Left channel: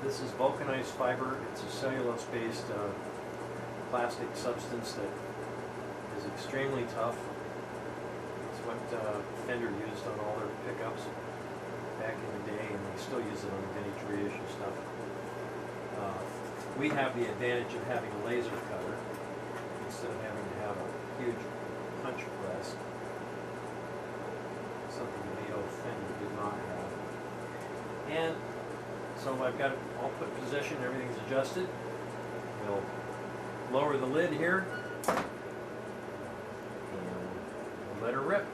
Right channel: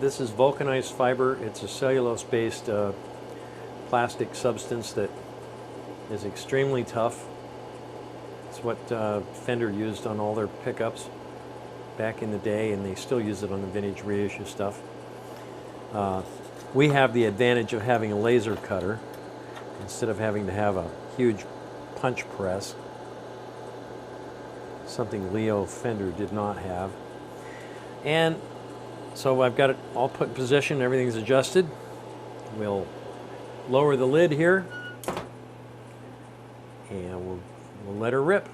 This is vulcanized fiber. It's a cellulose-based plastic substance that is extremely tough. It's what Fender used on all their pickups back in the day, and they still use it on the vintage reissue stuff. We have the advantage of having a laser cutter instead of having to have a huge punch press, something Leo Fender did not have. And so I've got it all put in position, everything's adjusted. We'll lower the lid here, and we'll let her rip.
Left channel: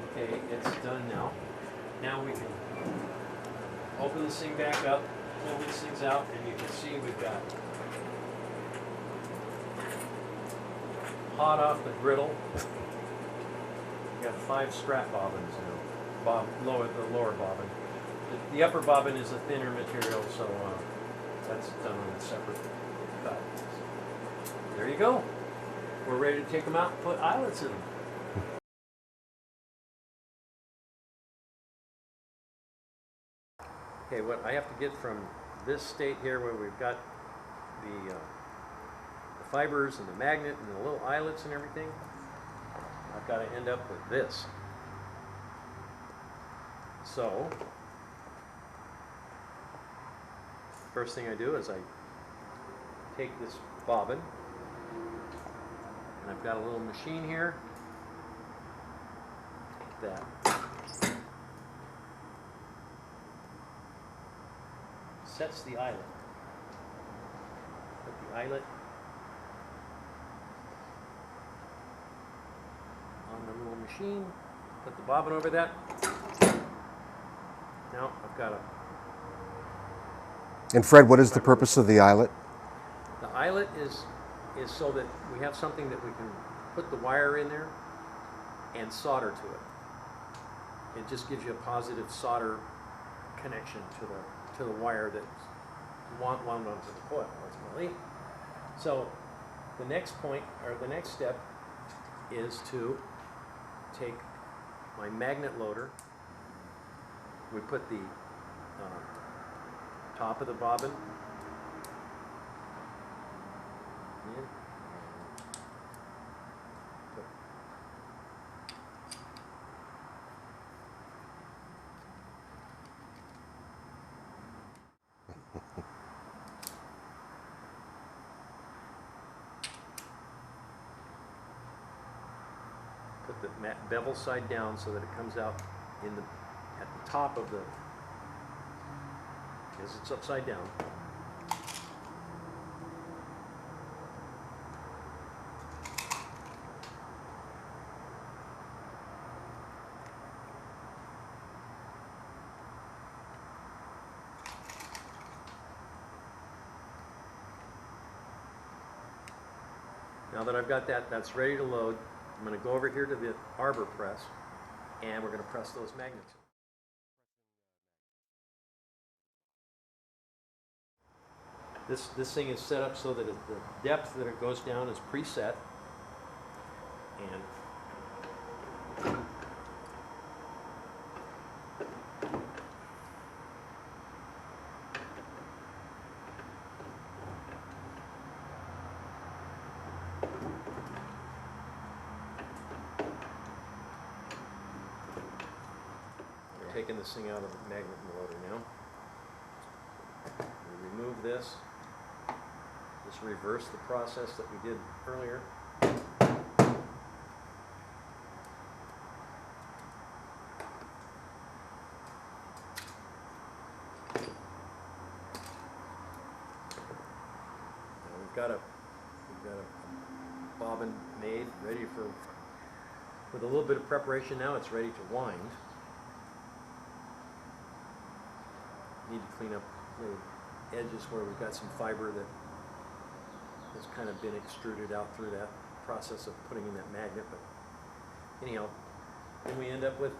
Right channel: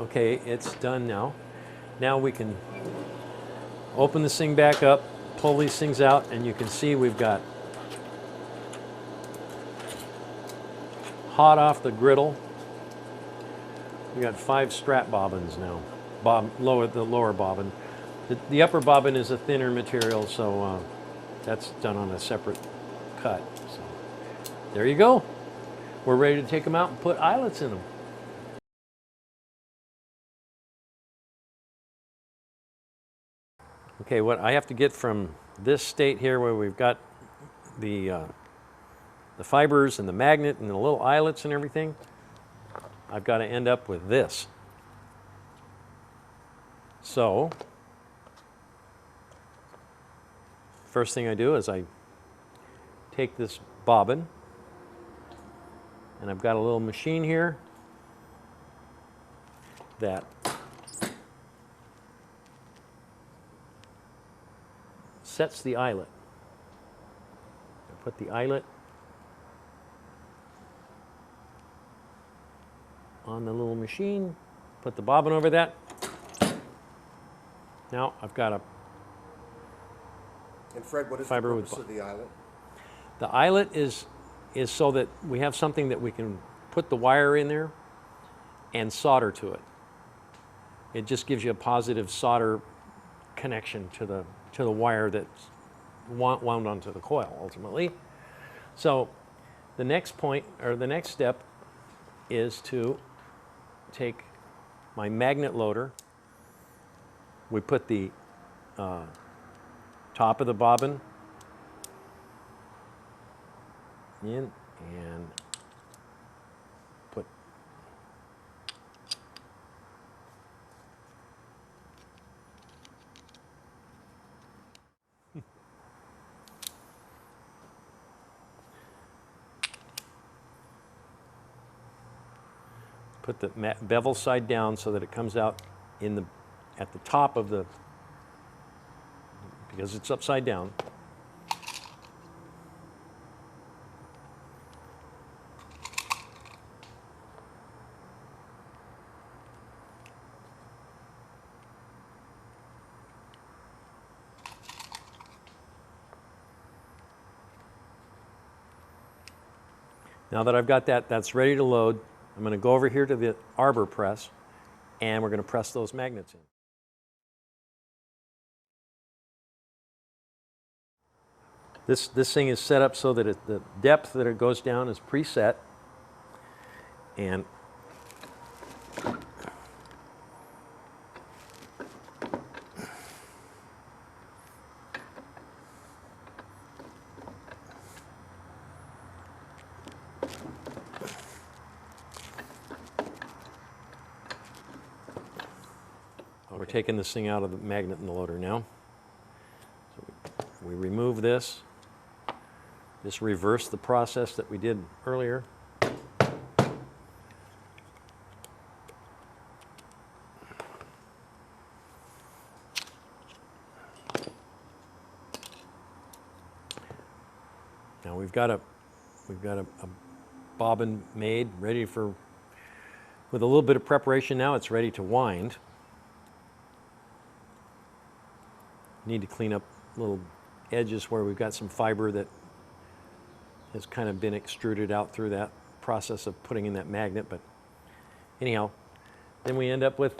Okay, it's done now. Now we can open this thing back up, pull these things out, and you can see we've got hot off the griddle. We got 5 strap bobbins now. The lower bobbin. The upper bobbin is a thinner material, so that's done on a separate cut. So, there you go. We're ready to take them out and put eyelets in them. Okay, what I have to get from this state here where we've got the fibers and the magnet and the little eyelets and everything, I've got to end up with this. So, first thing I do is I take this bobbin, and I've got a little machine here that sets the eyelet. Put the eyelet on the little machine, put the bobbin over that. Now I've got a... And Fred, what is the purpose of the eyelet? The eyelet is so that we have something that we can put the wire in there and solder to it. It just gives you a positive solder connection to the wire that's wound onto the coil ultimately. So the next point, or the next step, is to take my magnet loader. We put the top of the bobbin in and put put the bevel side down so that it comes out at the top of the, because it's upside down. Now that I've got that's ready to load, I'm going to go over here to the arbor press, and we're going to press those magnets in. This thing is set up so that the depth that it goes down is preset, and we're taking this thing out of the magnet in the loader now. So we remove this. Just reverse the process that we did earlier. Now we've got a bobbin made, ready for, with a little bit of preparation now, it's ready to wind. Need to clean up little edges where we've got some fiber that has kind of been extruded out through that. process of putting in that magnet, but anyhow, then we end up with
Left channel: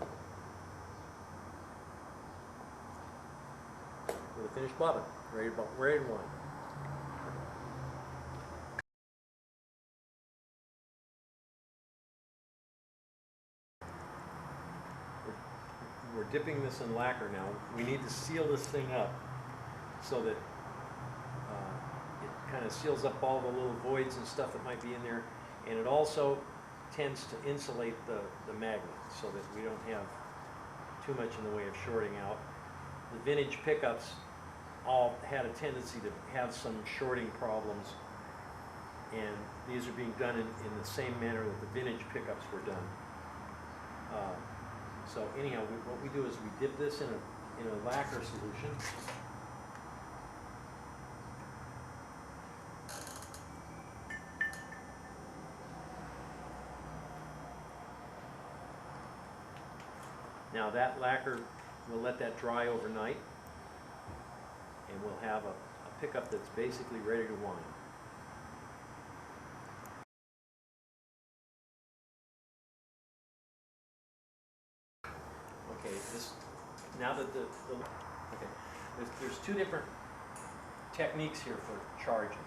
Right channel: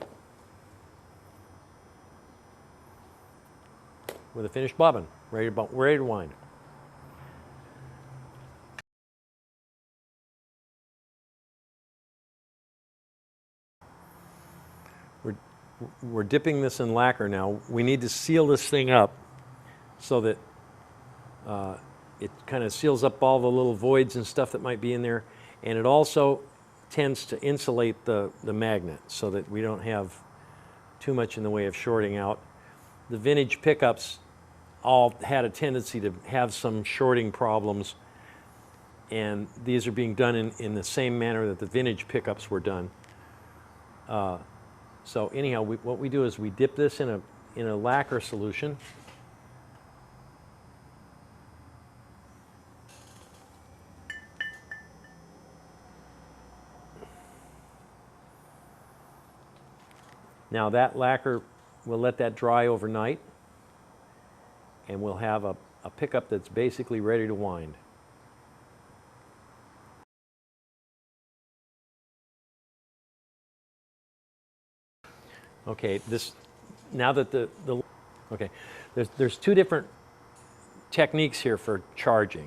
a finished bobbin, ready to wind. We're dipping this in lacquer now. We need to seal this thing up so that it kind of seals up all the little voids and stuff that might be in there, and it also tends to insulate the magnet so that we don't have too much in the way of shorting out. The vintage pickups all had a tendency to have some shorting problems, and these are being done in the same manner that the vintage pickups were done. So anyhow, what we do is we dip this in a lacquer solution. Now that lacquer, we'll let that dry overnight, and we'll have a pickup that's basically ready to wind. Okay, now that okay, there's two different techniques here for charging.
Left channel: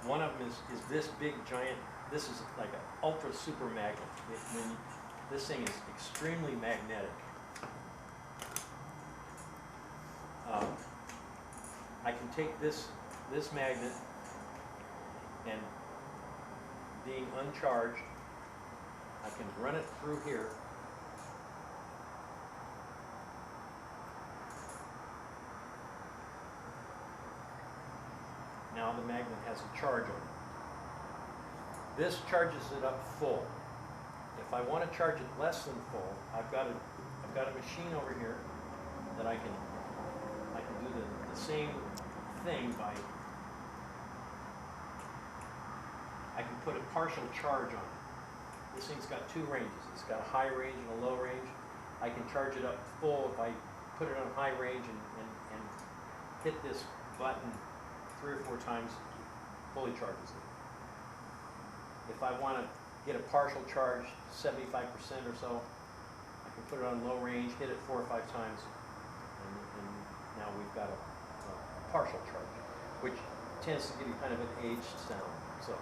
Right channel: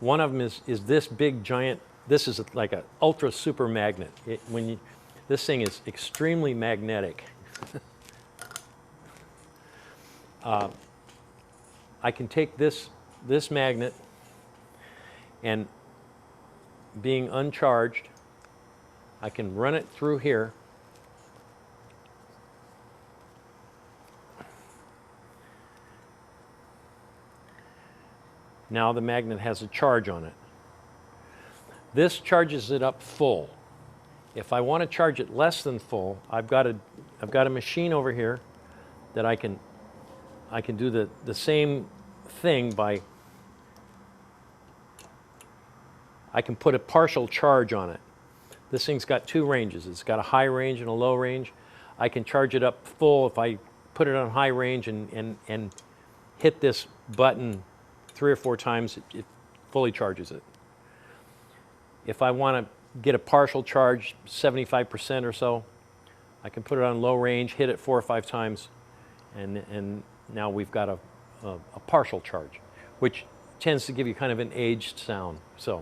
One of them is this big giant, this is like an ultra super magnet. This thing is extremely magnetic. I can take this magnet, and being uncharged, I can run it through here. Now the magnet has a charge on it. This charges it up full. If I want to charge it less than full, I've got a machine over here that I can do the same thing by, I can put a partial charge on it. This thing's got two ranges. It's got a high range and a low range. I can charge it up full if I put it on high range and hit this button 3 or 4 times, it fully charges it. If I want to get a partial charge, 75% or so, I can put it on low range, hit it 4 or 5 times, and now we've got a partial charge, which tends to give you kind of an aged sound. So,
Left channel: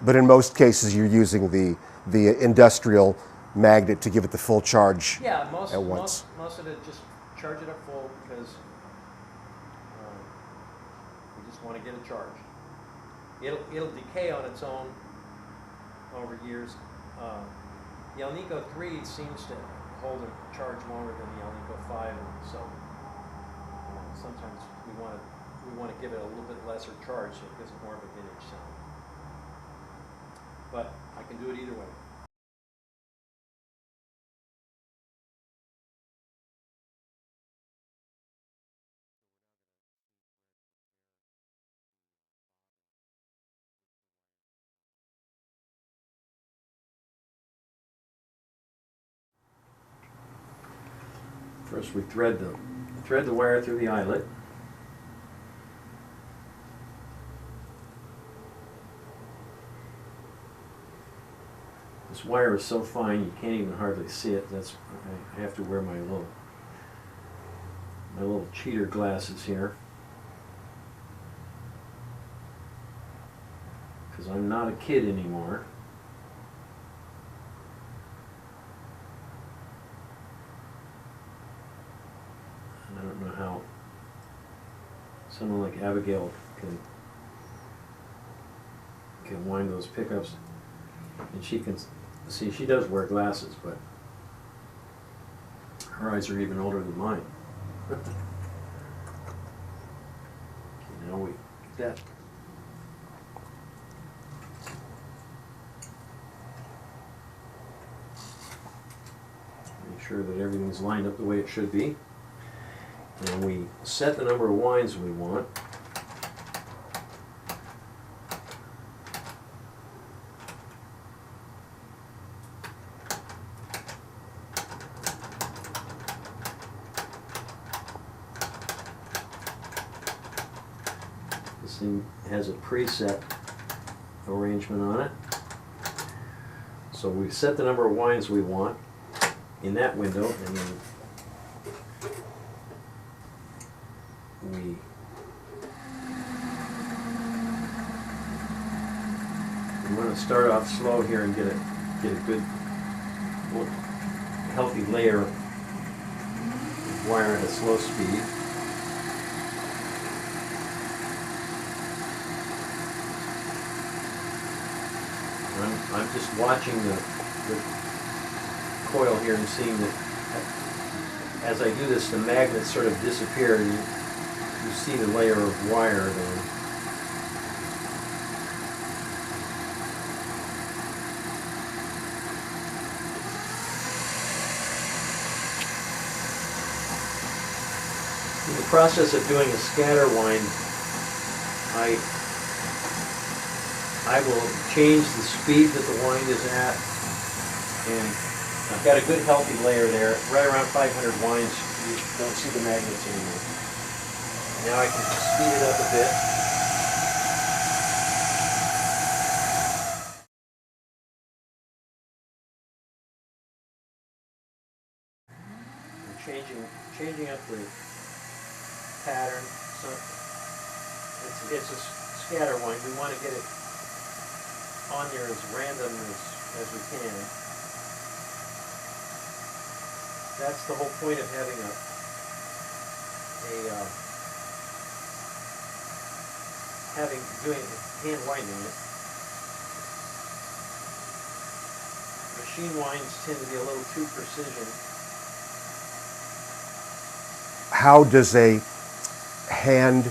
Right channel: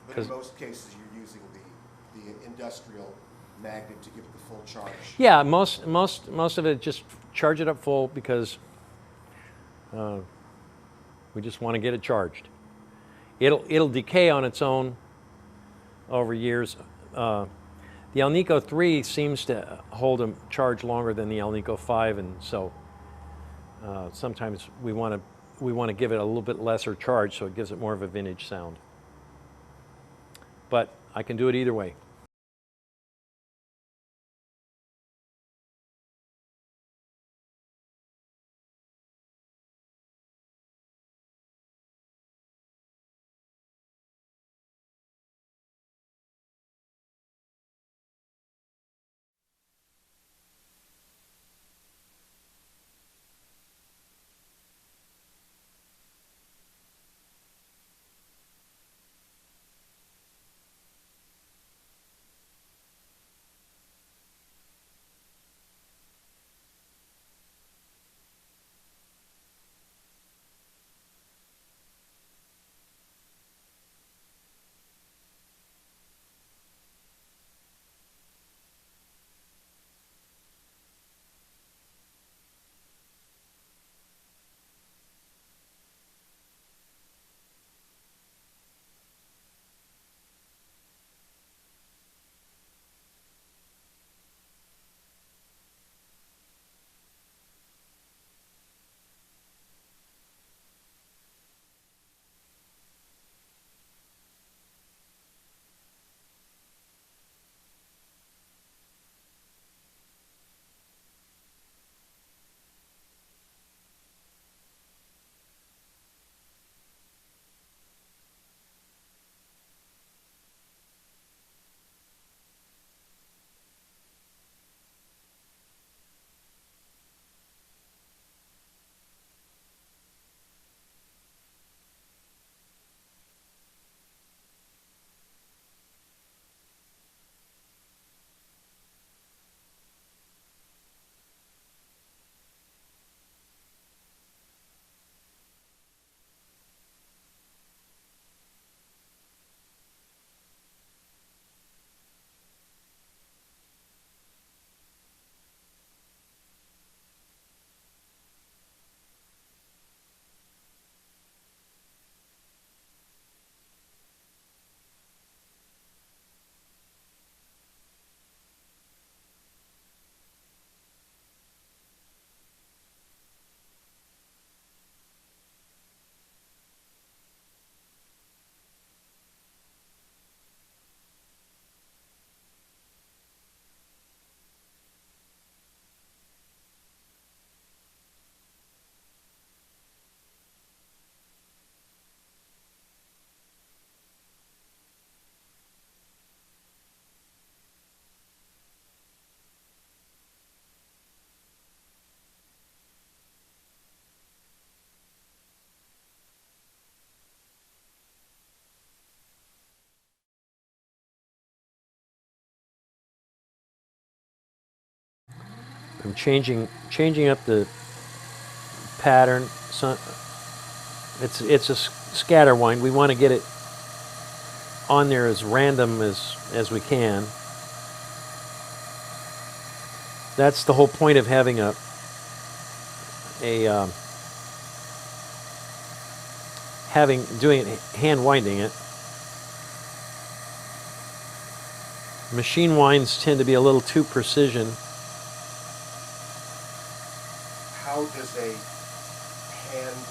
but in most cases, you're using the industrial magnet to give it the full charge. yeah, most of it, just charge it up full because we just want to get it charged. It'll decay on its own over years. The Alnico 3 seems to hold a charge longer than the Alnico 5, and so sometimes we want to give it a little bit lesser charge so it gives it more of a vintage sound. But I can do it either way. First, we thread the wire through the eyelet. This wire is so fine you can't even hardly see it. I have to wear my little cheater glasses here, because I'm not a kid anymore. I don't know how someone like Abigail can wind those pickups, and she can see. She does wear glasses, but her eyes are even older than mine. Okay, now we get that. Make sure that everything's lined up the way it should be. And we set the number of winds we want. This thing has a preset arrangement on it. So we set the number of winds we want in that window, and then we want to start off slow here and get a good, healthy layer of wire at a slow speed. I'm just watching the coil here and seeing that as I do this, the magnets sort of disappear, and you see the layer of wire then. In the process of doing a scatter wind, I will change the speed that the wind is at, and I've got a good healthy layer there. Right around 500 winds, you don't see the magnets anymore. Now I can speed it up a bit. I'm changing up the pattern. So it's a scatter wind. We want to get it on there as random as we can. That's the whole point of having doing it, hand winding it. Machine winds tend to be a little too precision. How does a hand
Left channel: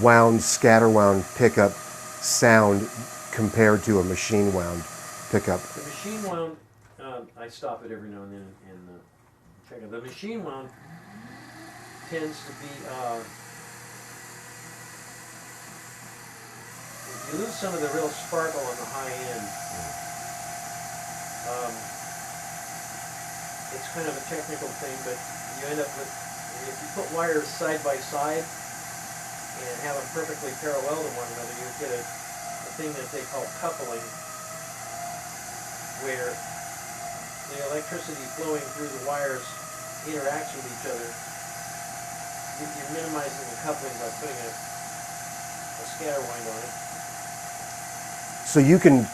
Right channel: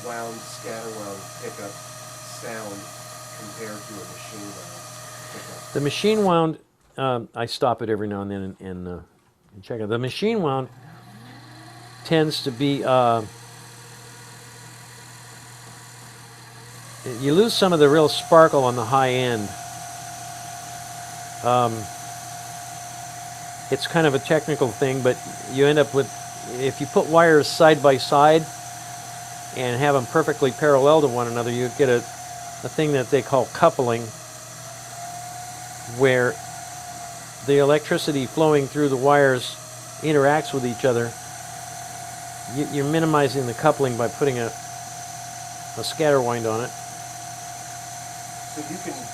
wound, scatter wound pickup sound compared to a machine wound pickup? The machine wound, I stop it every now and then and check it. The machine wound tends to be, you lose some of the real sparkle on the high end. It's kind of a technical thing, but you end up with, if you put wires side by side and have them perfectly parallel to one another, you get a thing that they call coupling, where the electricity flowing through the wires interacts with each other. You're minimizing the coupling by putting a scatter wind on it. So you can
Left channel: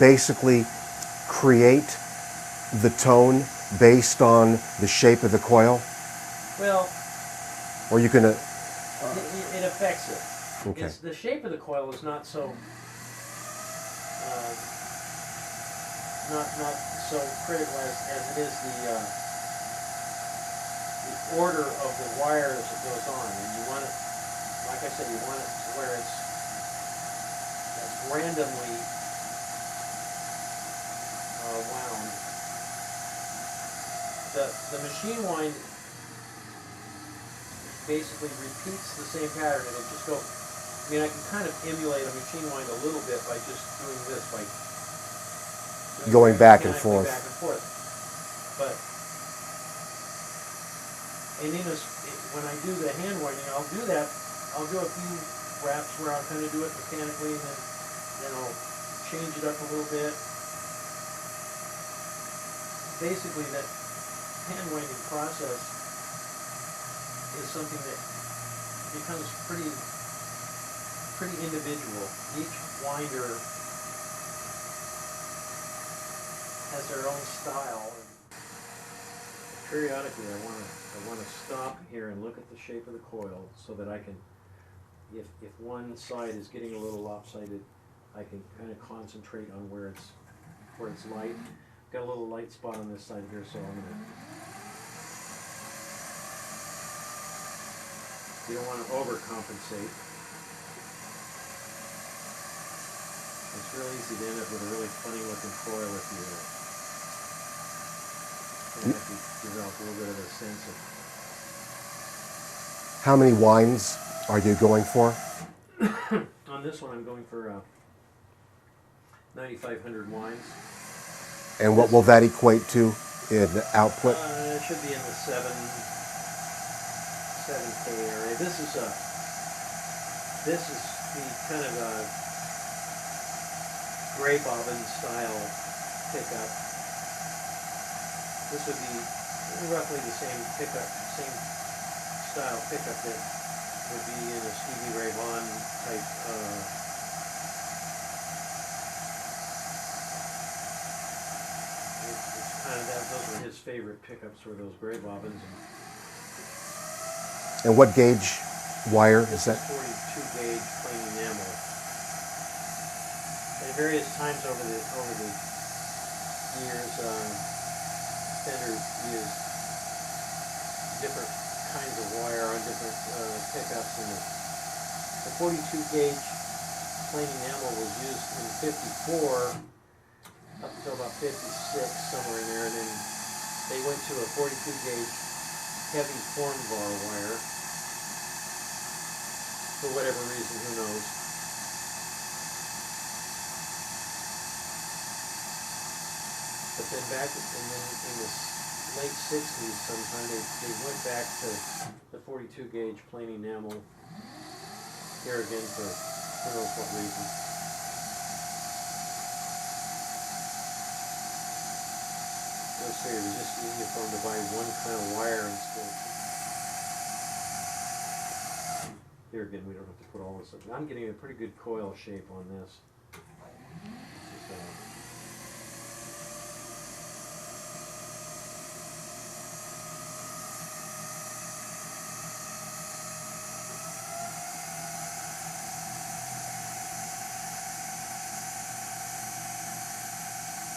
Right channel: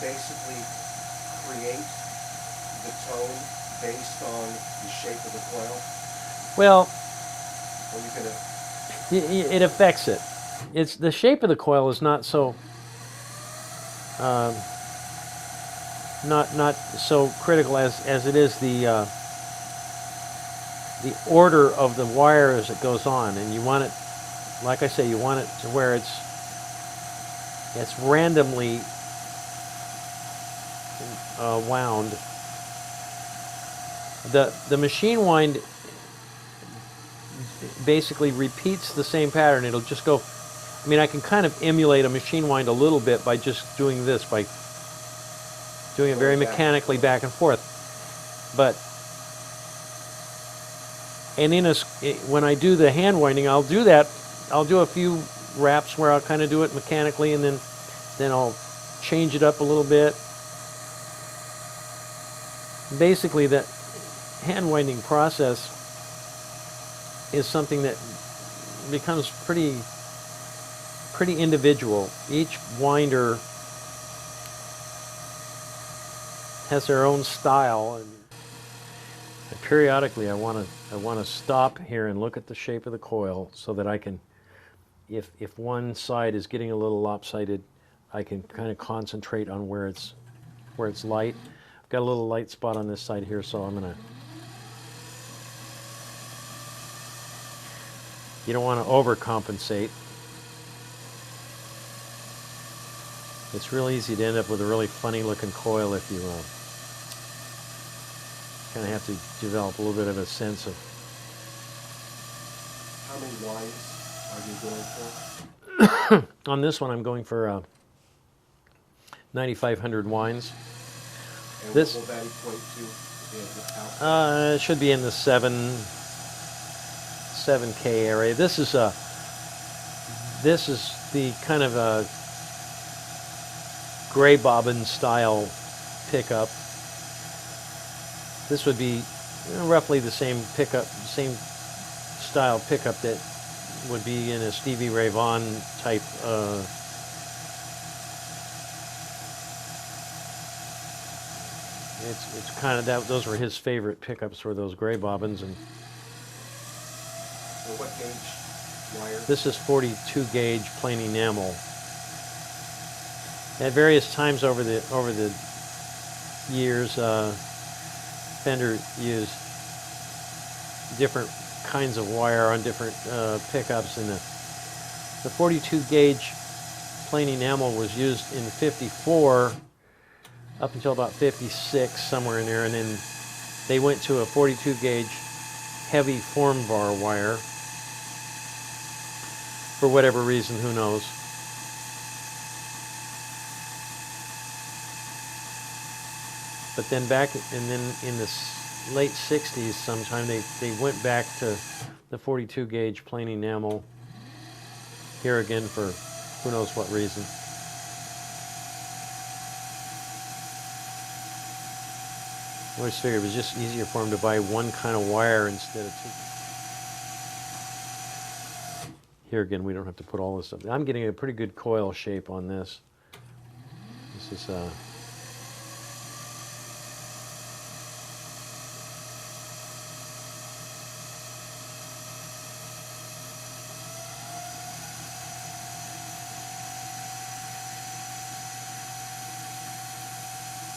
basically create the tone based on the shape of the coil? Well, or you can... it affects it. Okay. It's the shape of the coil is not so not so critical as it is the order of the wire as it goes on, and you want it, like I say, you want it to where it's randomly wound. The machine wind basically repeats the same pattern. It'll just go, I mean, I can kind of emulate a machine wind a little bit by just doing this, by doing Going it very back and mechanically forth. back and forth. But, and when I do the hand winding, I'll do that. I'll do a few wraps where I'll kind of do it mechanically, and then I'll change it up a little bit. Basically, that hand winding process is something that becomes pretty individual. Each winder has their own style, and periodically I want to stop here and look at the shape of the coil so that I can, if one side is getting a little lopsided, I can kind of concentrate on where it's light. I've got a little light spot on this side here, so I'm gonna. You don't want to overcompensate. It's real easy to end up with a really funny looking coil if you kind of have to develop a little bit of a sense of. How many winds are you going for? On this one I'm going for 9,500 winds. And what will that equate to in output? It should be in the 7K area. This is the kind of gray bobbin style pickup. This would be roughly the same pickup, same style pickup that would be in a Stevie Ray Vaughan type. It's kind of that. Those were his favorite pickups, were those gray bobbins. And what gauge wire? This is 42 gauge plain enamel. At various times over the years, Fender used different kinds of wire on different pickups, and the 42 gauge plain enamel was used in '54 up until about '56, somewhere in there, and then they went to a 42 gauge heavy form bar wire for whatever reason, who knows. But then in the late '60s sometime, they went back to the 42 gauge plain enamel here again for who knows what reason. I always figured it was just easier for them to buy one kind of wire instead of two. Here again, we don't have to put all this up. I'm getting a pretty good coil shape on this. This is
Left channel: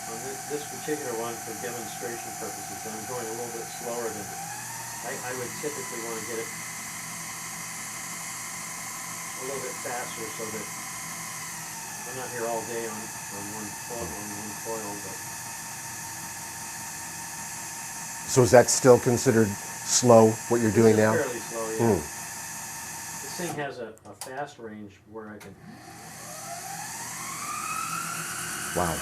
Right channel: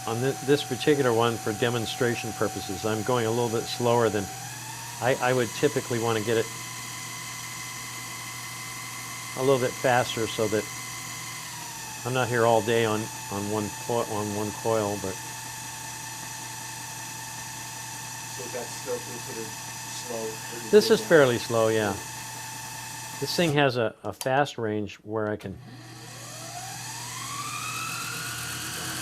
on this particular one, for demonstration purposes, I'm going a little bit slower than I would typically want to get it a little bit faster, so that I'm not here all day on one coil. But So is that still considered slow, what you're doing now? this is fairly slow, yeah. Mm. This thing has a fast range where I can. Wow.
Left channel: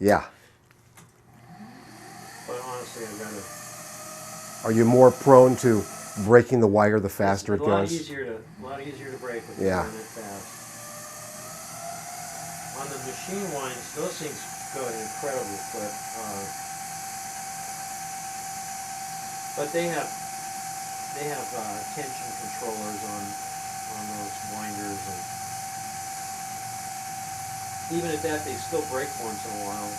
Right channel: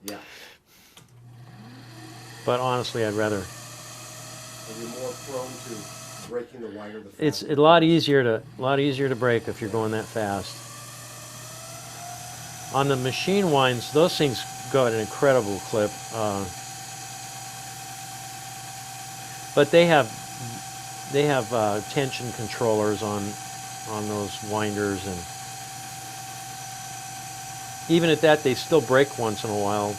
Yeah. But honestly, I'd rather. Are you more prone to breaking the wire the faster? It's a lot easier to break if you're going that fast. On the machine winds, those things go at an incredible clip. But they have tension controllers on those winders, and even at that, they still break once in a while.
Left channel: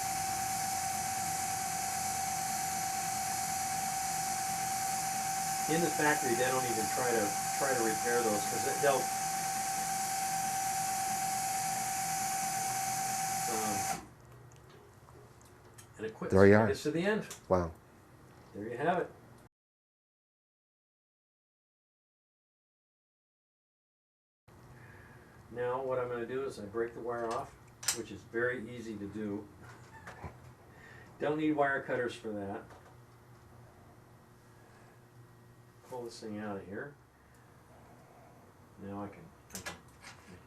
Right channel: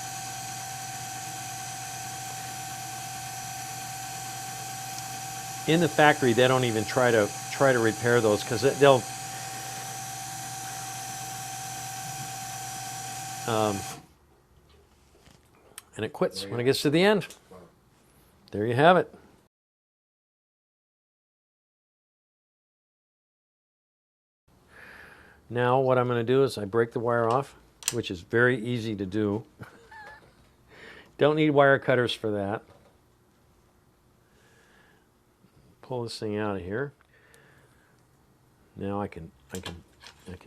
In the factory, they don't even try to repair those, because they'll. And it quits when it gets to the end. Wow. There you have it. Now what I'm going to do is I break the wire off, which is very easy to do. Don't need wire cutters for that. Pull this thing out of here. Now I can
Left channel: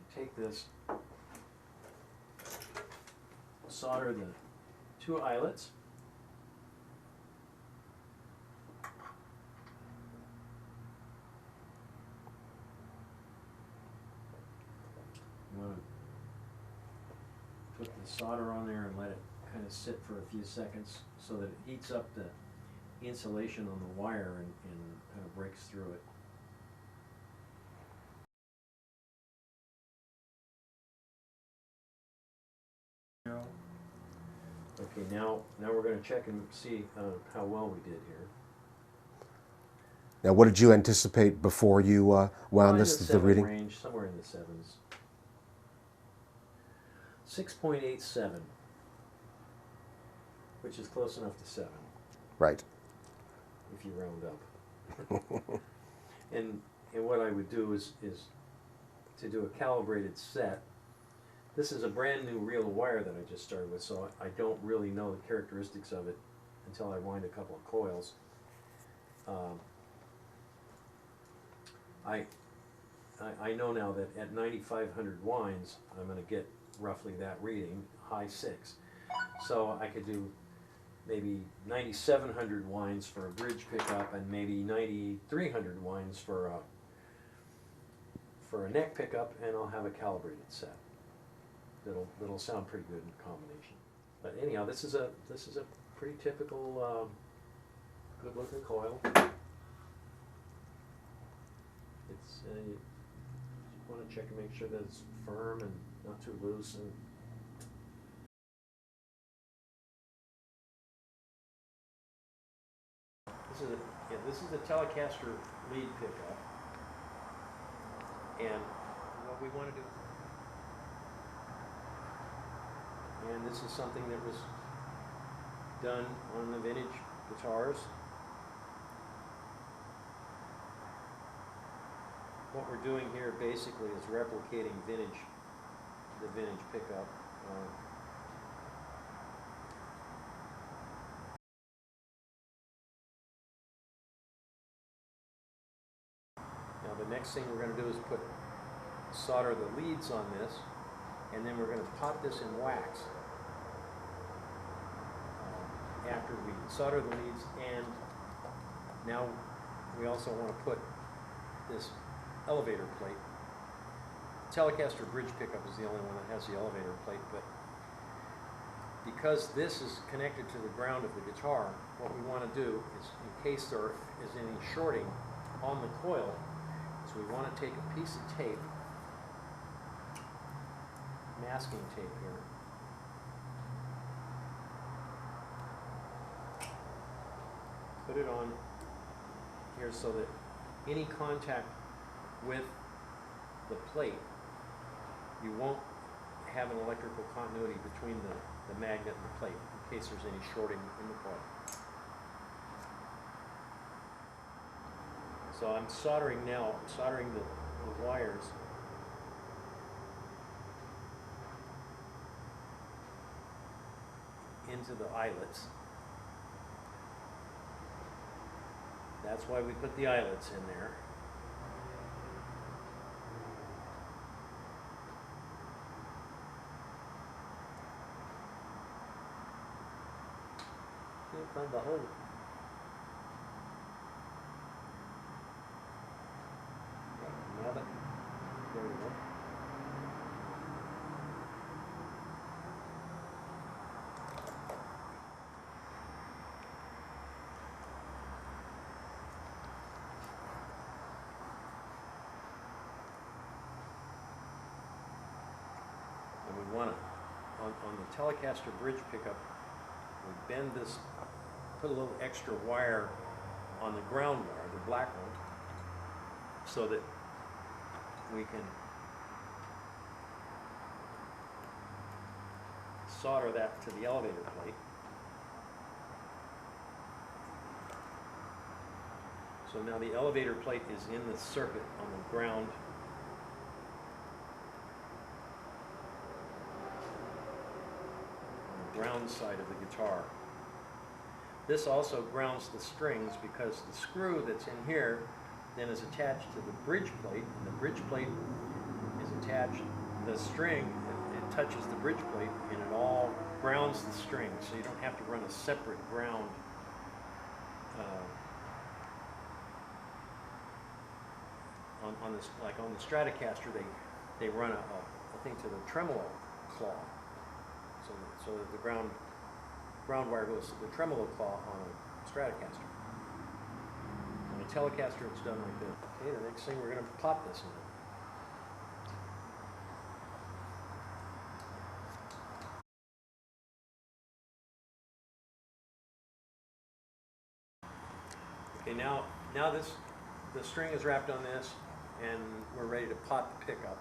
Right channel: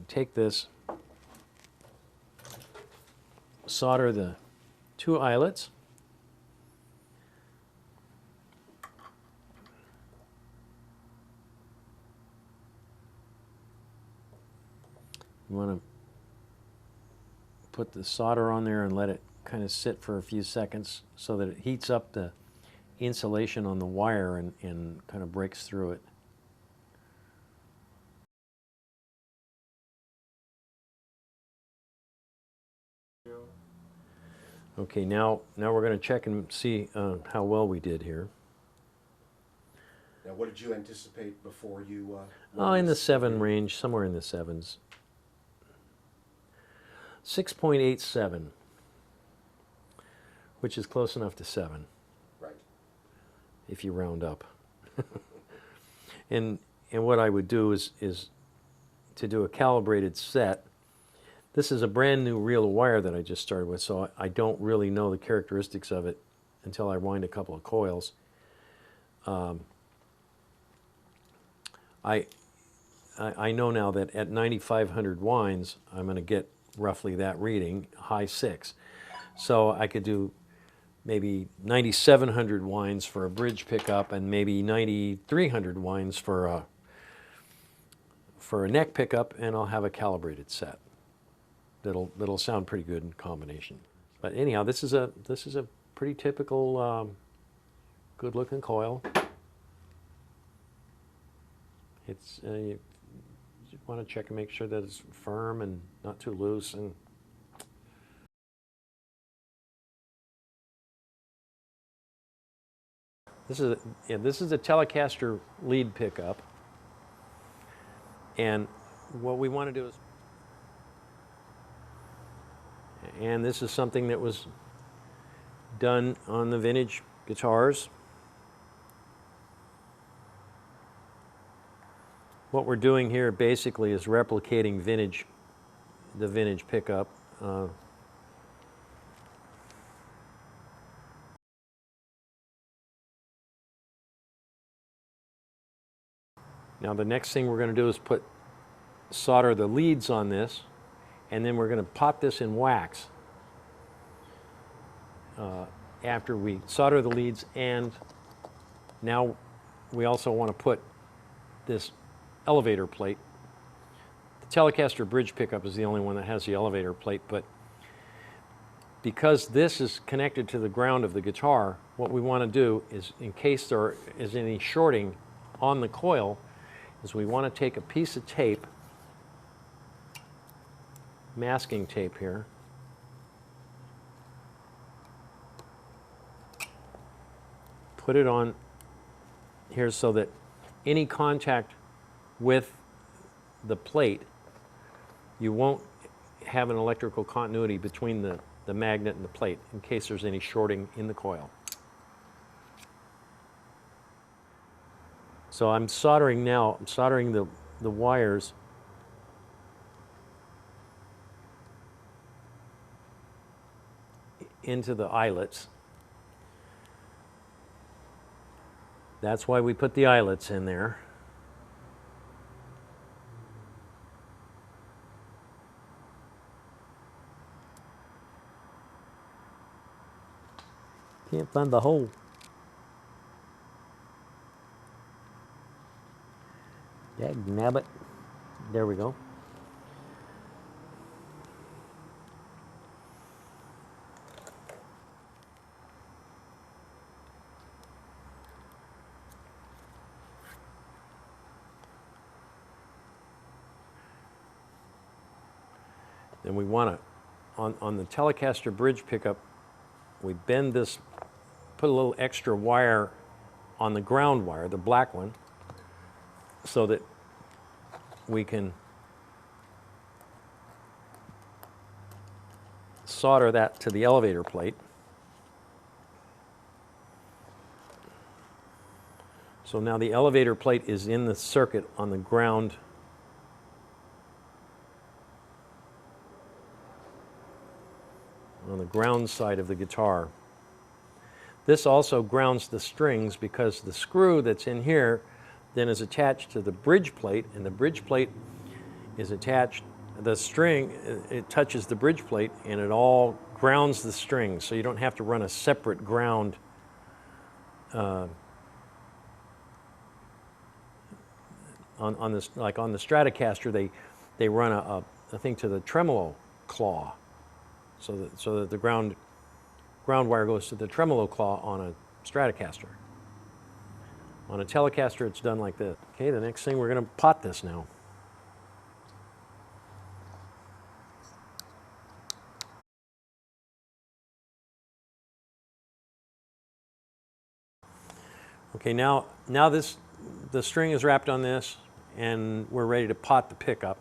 take this, solder the two eyelets. You want to put the solder on there and let it kind of sit for a few seconds so that it heats up the insulation on the wire and kind of breaks through it. Okay, now we're going to check and see how well we did here. Now, what did you anticipate before you wound In this? the 7 range, somewhere in the 7s. 6.87, which is close enough to 7. Right. If you round up. and what I would do is to do a calibrated set. This is a brand new reel of wire that I just started with, so I don't really know the characteristics of it until I wind a couple of coils. I know now that at 9,500 winds, I'm going to get roughly that reading, high 6. So I could do maybe 9,700 winds for a bridge pickup, and maybe 9,300 winds for a neck pickup, and I'll have a calibrated set. that'll sound pretty good in combination. But anyhow, this is a pretty typical good looking coil. It's you want to check and make sure that it's firm and not too loose. And this is a Telecaster lead pickup, and what we want to do is, and this is something that was done on the vintage guitars. What we're doing here basically is replicating the vintage pickup. Now the next thing we're going to do is solder the leads on this, and then we're going to pot this in wax after we solder the leads. And now we also want to put this elevator plate. The Telecaster bridge pickup is the only one that has the elevator plate, but because this is connected to the ground of the guitar, what we want to do is, in case there is any shorting on the coil, is we want to take a piece of tape, masking tape here, put it on here so that any contact with the plate, you won't have an electrical continuity between the magnet and the plate in case there's any shorting in the coil. So I'm soldering now. I'm soldering the wires into the eyelets. That's why we put the eyelets in there. Can't find the hole. Yeah, nab it. There we go. And we want to, on the Telecaster bridge pickup, we bend this, put a little extra wire on the ground wire, the black one, so that we can solder that to the elevator plate. So now the elevator plate is in the circuit on the ground side of the guitar. This also grounds the strings because the screw that's in here then is attached to the bridge plate, and the bridge plate is attached, the string, it touches the bridge plate and it all grounds the strings, so you don't have to run a separate ground on this, like on the Stratocaster, they run a thing to the tremolo claw, so that the ground wire goes to the tremolo claw on a Stratocaster. On a Telecaster, it's done like this. Okay, the next thing, we're going to pot this now. Okay, now the string is wrapped on this, and we're ready to pot the pickup.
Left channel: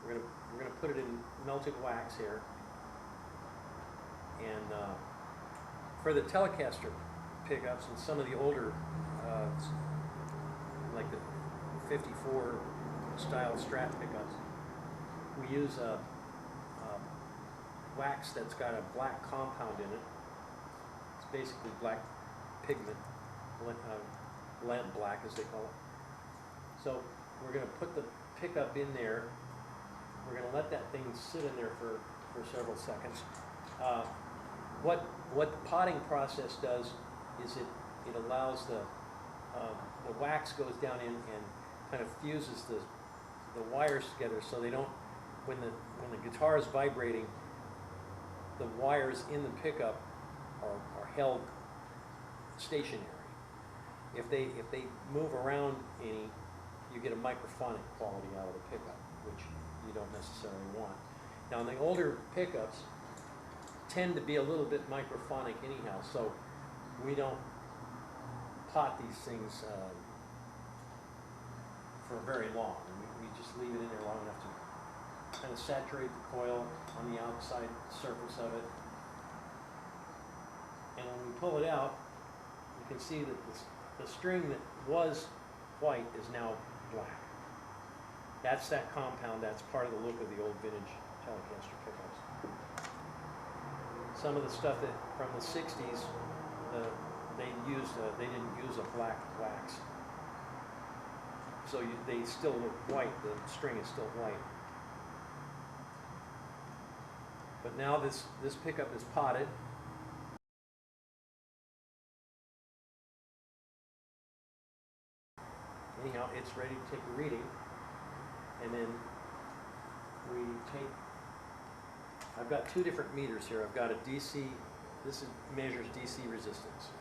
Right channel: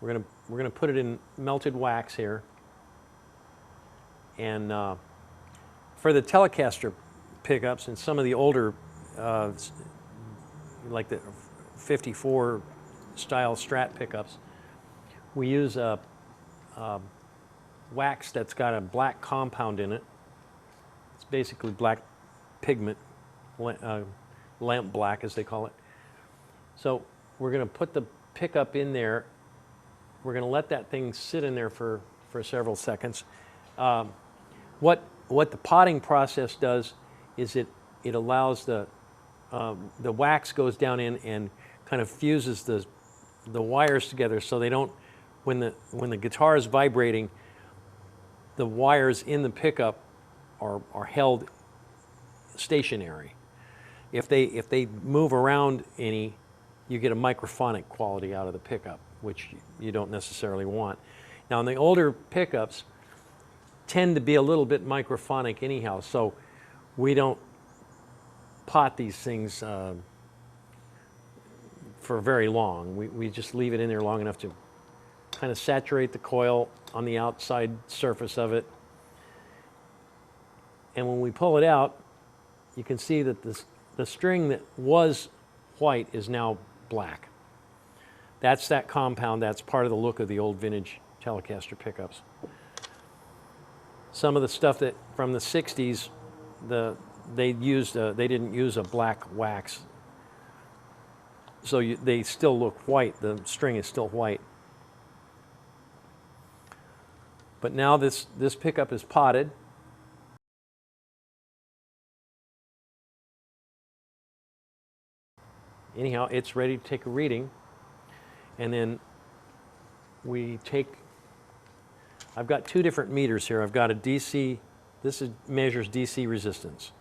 We're gonna put it in melted wax here, and for the Telecaster pickups and some of the older, like the 54 style Strat pickups, we use a wax that's got a black compound in it. It's basically black pigment, lamp black as they call it. So we're going to put the pickup in there. We're going to let that thing sit in there for several seconds. What the potting process does is it allows the wax goes down in and kind of fuses the wires together so they don't when the guitar is vibrating, the wires in the pickup are held stationary. If they move around any, you get a microphonic quality out of the pickup, which you don't necessarily want. Now, in the older pickups tend to be a little bit microphonic anyhow, so we don't pot these things for very long. We just leave it in there long enough to kind of saturate the coil on the outside surface of it. And when we pull it out, you can see that the string that was white is now black. That's that compound. That's part of the look of the old vintage Telecaster pickups. Some of the stuff that from the 60s, they didn't use a black wax, so they still look white. The string is still white. But now this pickup is potted. Anyhow, it's ready to take a reading, and then we take, I've got two different meters here. I've got a DC, measures DC resistance.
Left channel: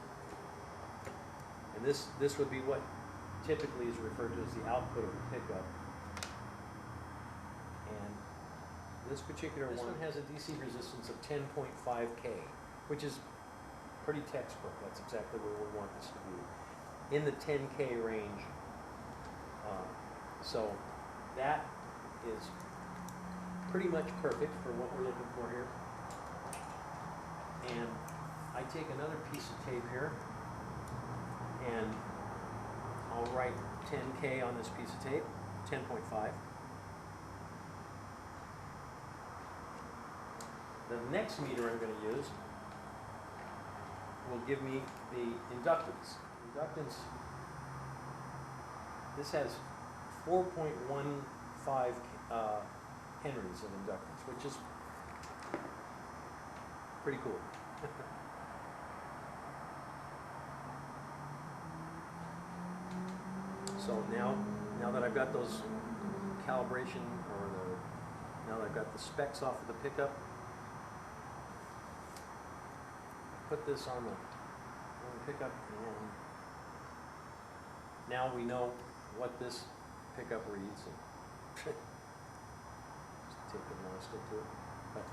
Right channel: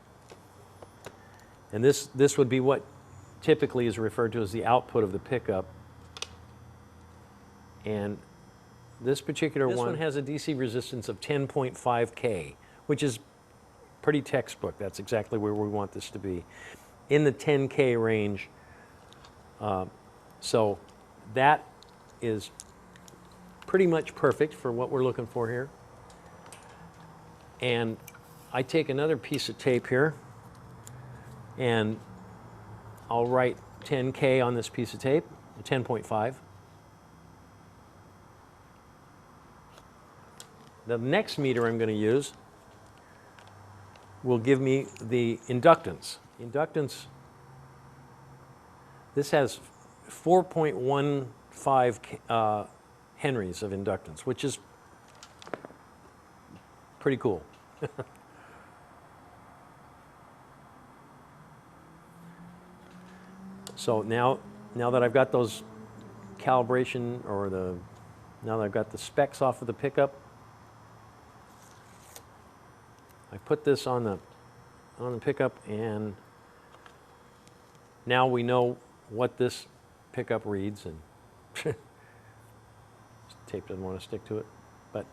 And this would be what typically is referred to as the output of the pickup. And this particular one has a DC resistance of 10.5K, which is pretty textbook. That's exactly where we want this to be, in the 10K range. So that is pretty much perfect for what we're looking for here. And I take another piece of tape here, and I'll write 10K on this piece of tape, 10.5. The next meter I'm going to use will give me the inductance. Inductance, this has 4.15 henries of inductance, which is pretty cool. So now that I've got those calibration, now that I've got the specs off of the pickup, I put this on the pickup, and now we know what this pickup reads, and tape doesn't want to stick to it, but